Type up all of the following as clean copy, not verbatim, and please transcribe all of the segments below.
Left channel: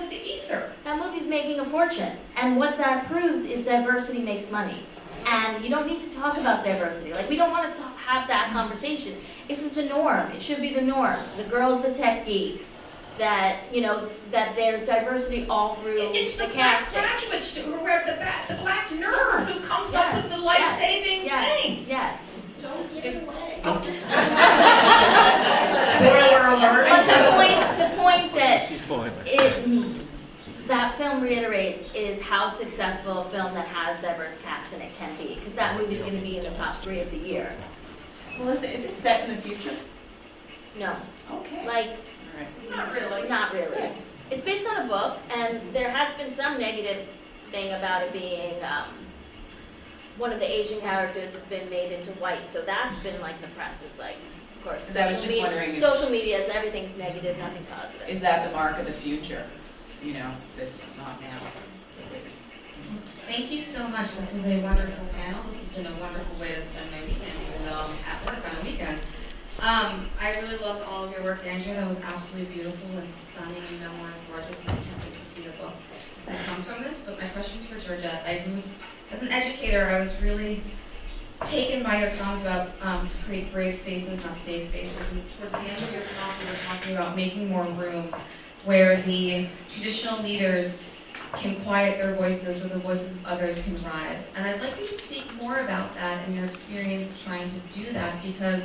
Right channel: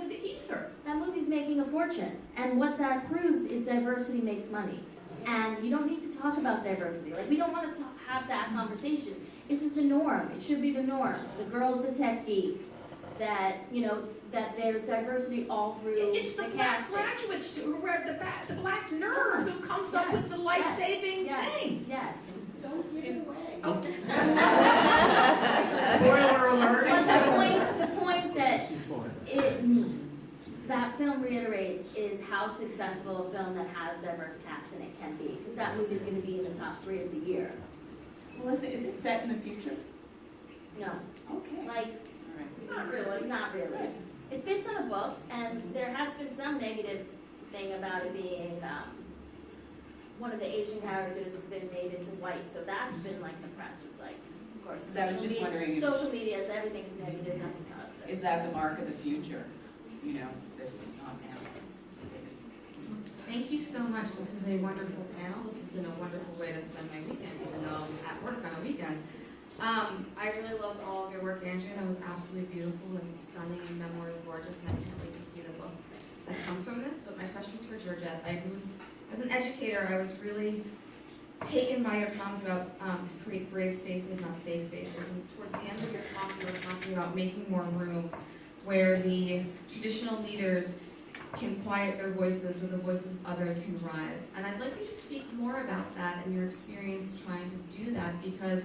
into the ether. That movie's making a fortune, and what that proves is diversity makes money. And you don't need to talk about diversity. Like, we don't want to have that conversation. This is the norm. It should be the norm. The girl's the tech geek. That, you know, that there's diversity all through It's the black casting. graduate student, or the black nerd who comes up with the life-saving thing. Yes. Don't give it away. Spoiler alert. But the point that that film reiterates is how successful a film that has diverse cast in it can be, because that movie's going to be in the top 3 of the year. Melissa, is it set in the future? No, Okay. like, Not really. not really. Good. It's based on a book, and there has been some negative thing about it being one of the Asian characters has been made into white, so that's been like the press is like, of course, So I was just wondering if- social media is everything's negative, nothing positive. Is that the mark of the future? You know, that's not now. Thank you so much. This was a wonderful panel. This has been a wonderful way to spend my weekend, even though I'm at work on a weekend. I really loved all of your work, Andrea. That was absolutely beautiful and stunning. The memoir is gorgeous, and I can't wait to see the book that comes from this. But my question's for Georgette. As an educator, I was really taken by your comments about to create brave spaces, not safe spaces. And towards the end of your talk, you were talking about making more room where the traditional leaders can quiet their voices so the voices of others can rise. And I'd like you to speak more about that and your experience trying to do that, because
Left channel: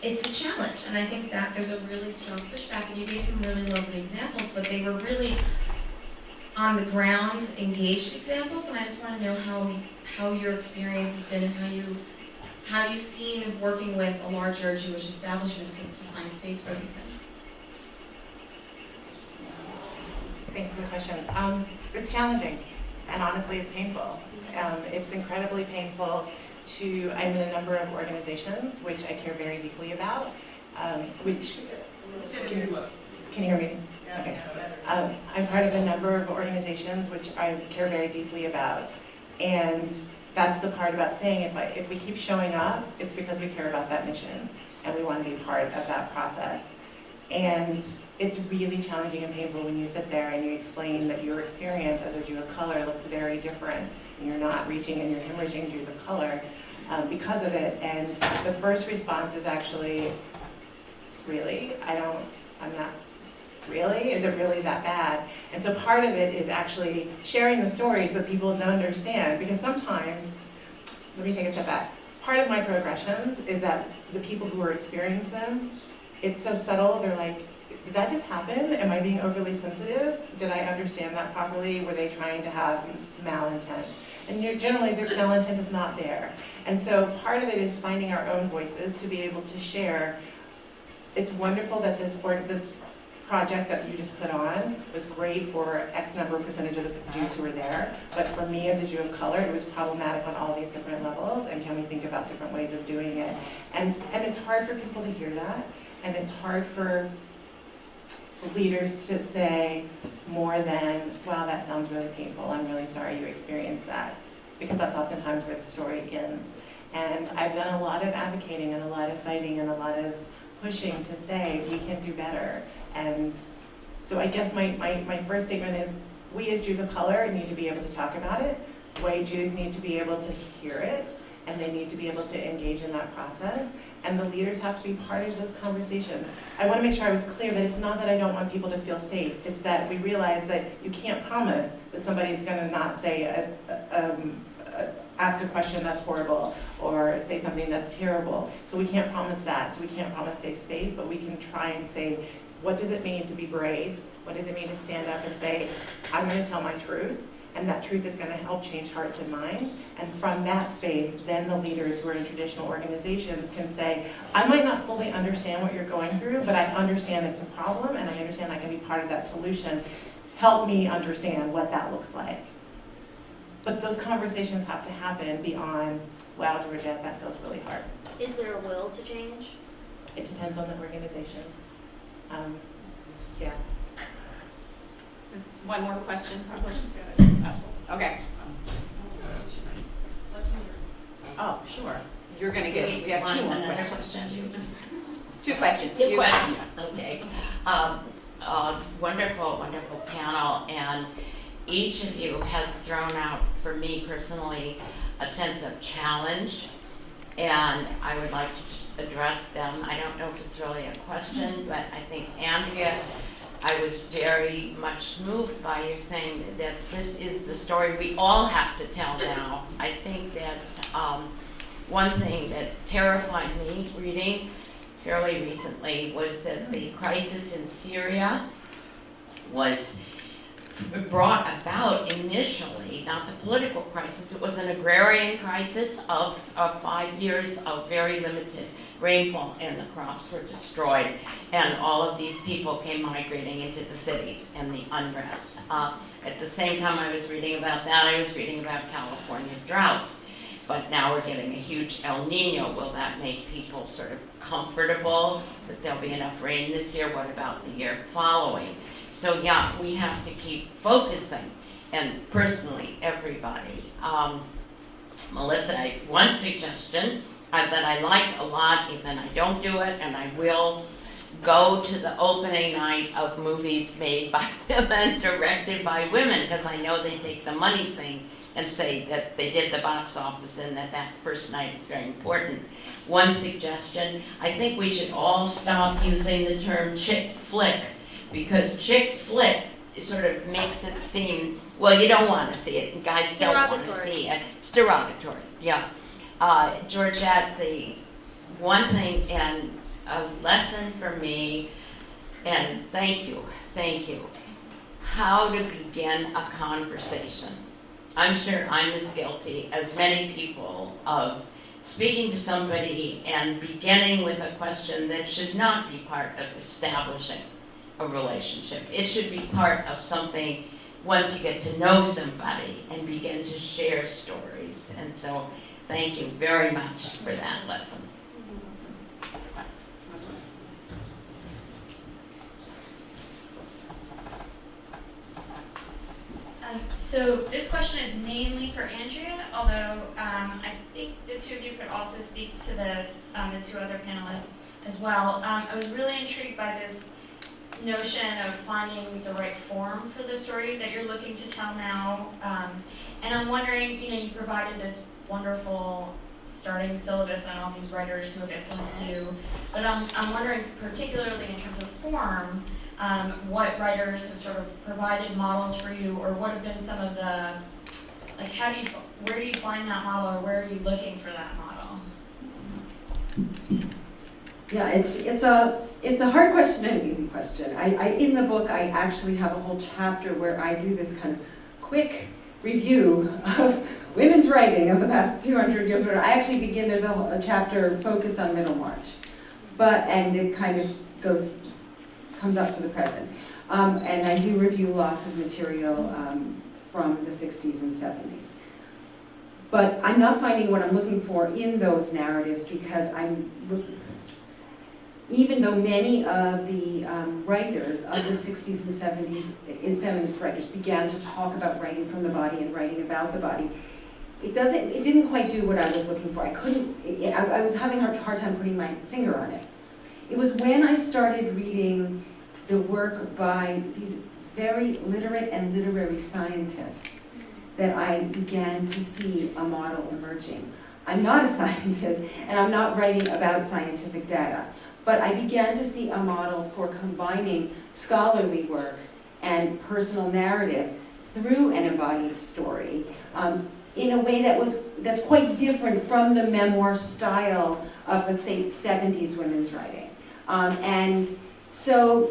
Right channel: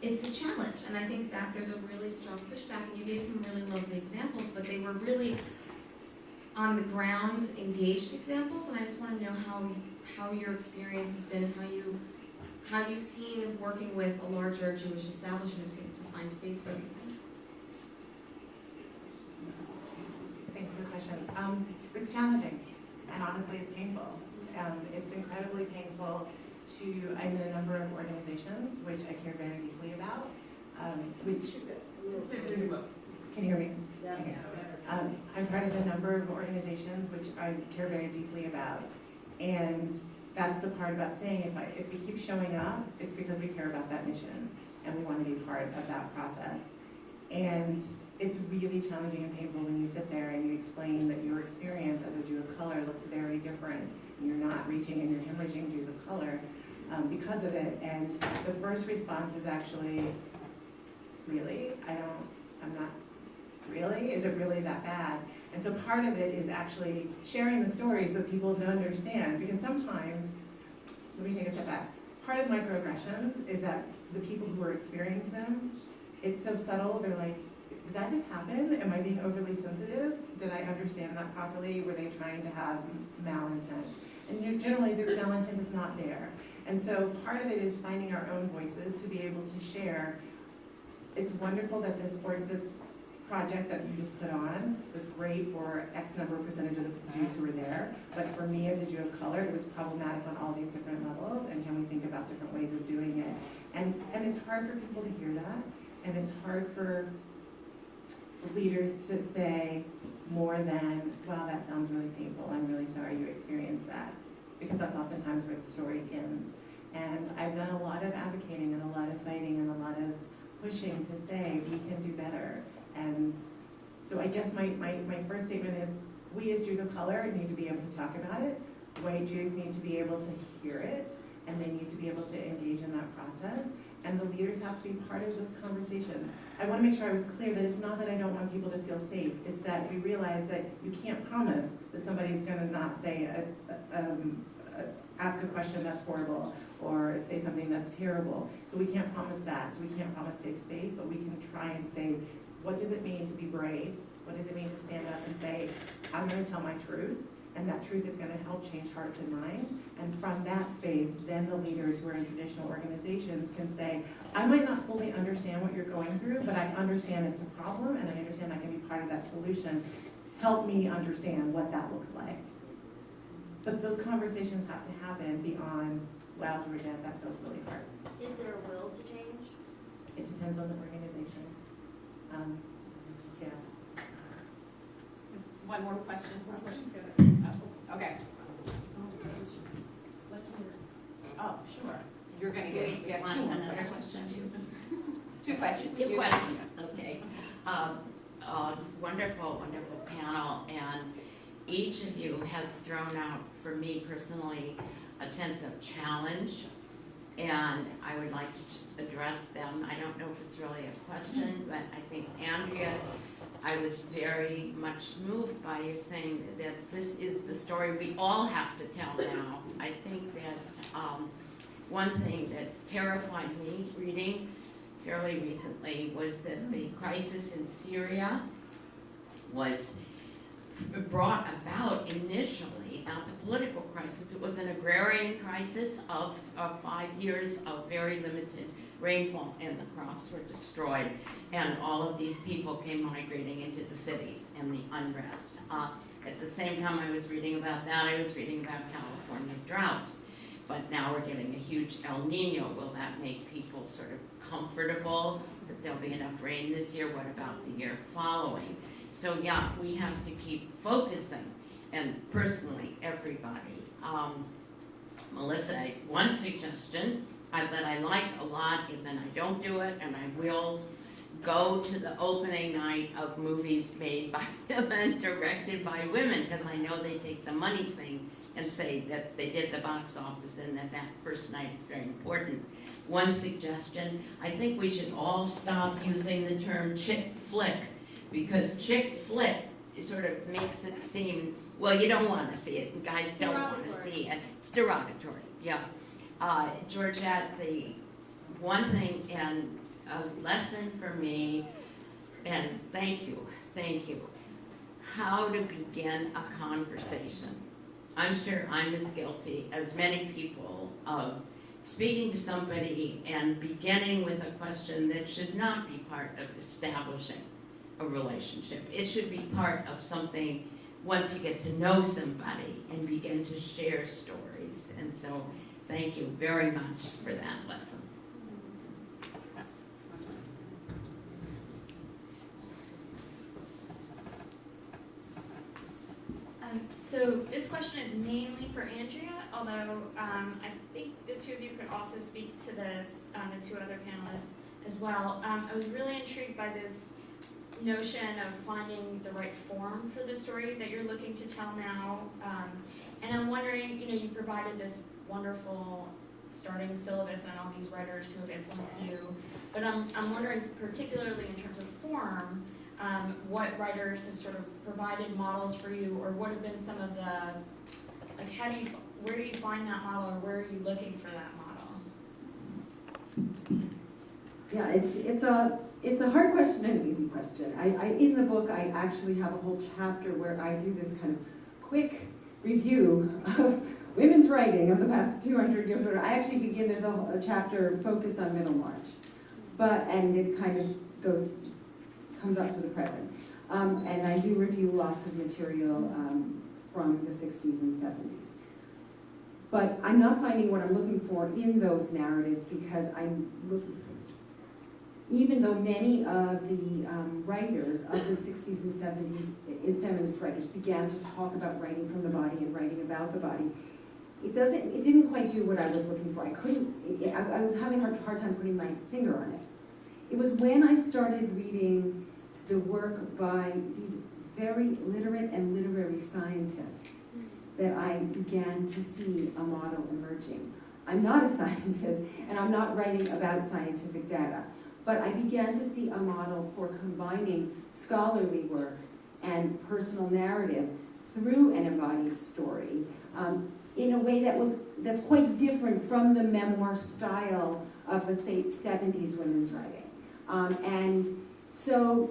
it's a challenge. And I think that there's a really strong pushback, and you gave some really lovely examples, but they were really on the ground, engaged examples, and I just want to know how your experience has been and how you've seen working with a larger Jewish establishment to find space for these things. Thanks for the question. It's challenging, and honestly, it's painful. It's incredibly painful I'm in a number of organizations which I care very deeply about, can you hear me? Okay. I'm part of a number of organizations which I care very deeply about, and that's the part about saying if we keep showing up, it's because we care about that mission, and we want to be part of that process. And it's really challenging and painful when you sit there and you explain that your experience as a Jew of color looks very different, and you're not reaching and you're hemorrhaging Jews of color because of it. And the first response is actually, really? I'm not, really? Is it really that bad? And so part of it is actually sharing the stories so that people don't understand, because sometimes, let me take a step back. Part of microaggressions is that the people who are experiencing them, it's so subtle, they're like, did that just happen? Am I being overly sensitive? Did I understand that properly? Were they trying to have malintent? And generally, their malintent is not there. And so part of it is finding our own voices to be able to share. It's wonderful that this project that you just put on was great for X number of percentage of the Jews who were there. But for me as a Jew of color, it was problematic on all these different levels. And can we think about different ways of doing it? And it's hard for people to hear that. And it's hard for leaders to say more than, wow, that sounds really painful. I'm really sorry you experienced that. Because that's oftentimes where the story ends. And I've done a lot of advocating and a lot of fighting and a lot of pushing to say we can do better. And so I guess my first statement is we as Jews of color need to be able to talk about it. White Jews need to be able to hear it, and they need to be able to engage in that process. And the leaders have to be part of those conversations. I want to make sure I was clear that it's not that I don't want people to feel safe. It's that we realize that you can't promise that somebody's going to not say, ask a question that's horrible or say something that's terrible. So we can't promise that. So we can't promise safe space, but we can try and say, what does it mean to be brave? What does it mean to stand up and say, I'm going to tell my truth, and that truth is going to help change hearts and minds. And from that space, then the leaders who are in traditional organizations can say, I might not fully understand what you're going through, but I understand it's a problem, and I understand I can be part of that solution. Help me understand what that looks like. But those conversations have to happen beyond, wow, Georgette, that feels really hard. Is there a will to change? It depends on the organization. Yeah. One more question. Oh, okay. Oh, sure. You're going to get, we have two more Another questions. question. Two questions. Two You- questions, okay. a wonderful, wonderful panel, and each of you has thrown out, for me personally, a sense of challenge, and I would like to just address them. I don't know if it's really a question, but I think, Andrea, I was very much moved by you saying that this is the story we all have to tell now. I think that one thing that terrified me reading fairly recently was that the crisis in Syria was brought about initially, not the political crisis, it was an agrarian crisis of 5 years of very limited rainfall, and the crops were destroyed, and all of these people came migrating into the cities and the unrest. At the same time I was reading about that, I was reading about California droughts. But now we're getting a huge El Nino. Will that make people sort of comfortable that there'll be enough rain this year? What about the year following? So yeah, we have to keep focusing, and personally, everybody. Melissa, one suggestion that I liked a lot is, and I don't do it, and I will go to the opening night of movies made by women, directed by women, because I know they take the money thing and say that they did the box office and that first night is very important. One suggestion, I think we should all stop using the term chick flick, because chick flick sort of makes it seem, well, you don't want to see it, guys don't want to see it. It's derogatory, yeah. Georgette, the one thing and a lesson for me, and thank you, how to begin a conversation. I'm sure I'm as guilty as many people of speaking to somebody and beginning with a question that should not be part of establishing a relationship. It should be part of something once you get to know somebody and begin to share stories. And so thank you very much for that lesson. So this question is mainly for Andrea, although I think the two of you could also speak to this, the two other panelists as well. I was really intrigued by this notion of finding the right form for the story that you're looking to tell now. And I'm wondering, you provided this wonderful starting syllabus on all these writers who have influenced you, but I'm wondering particularly in terms of form, what writers have sort of provided models for you, or what have been some of the, like, where do you find that model, or where are you looking for that model? Yeah, it's a hard question and an easy question. In the book, I actually have a whole chapter where I do this kind of quick review of women's writing of the past 200 years. Where I actually begin, there's a chapter focused on Middlemarch, and it kind of comes up to the present. And I do review lots of material from the 60s and 70s. But I'm not finding what I'm looking for in those narratives, because even though many of the writers of the 60s and 70s, feminist writers, began to talk about writing from the body and writing about the body, it didn't quite do what I was looking for. I was having a hard time putting my finger on it. It was when I started reading the work by these very literate and literary scientists that I began to see a model emerging. I'm not a scientist, and I'm not writing about scientific data, but I began to see a model for combining scholarly work and personal narrative through an embodied story in a way that's quite different from the memoir style of, let's say, 70s women's writing. And so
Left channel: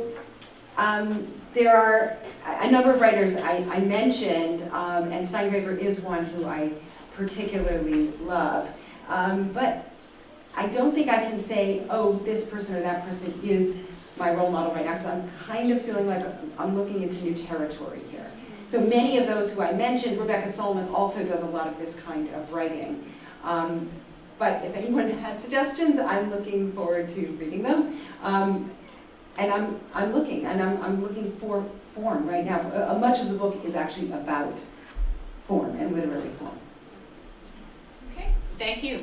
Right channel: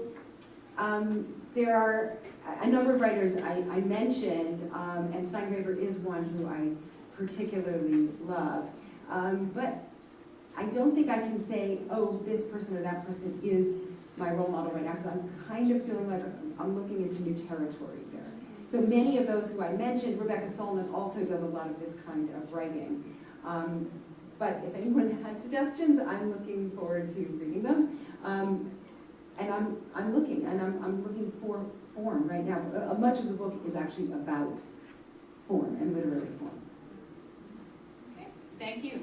there are a number of writers I mentioned, and Steingraber is one who I particularly love. But I don't think I can say, oh, this person or that person is my role model right now, because I'm kind of feeling like I'm looking into new territory here. So many of those who I mentioned, Rebecca Solnit also does a lot of this kind of writing. But if anyone has suggestions, I'm looking forward to reading them. And I'm looking for form right now. Much of the book is actually about form and literary form. Okay, thank you.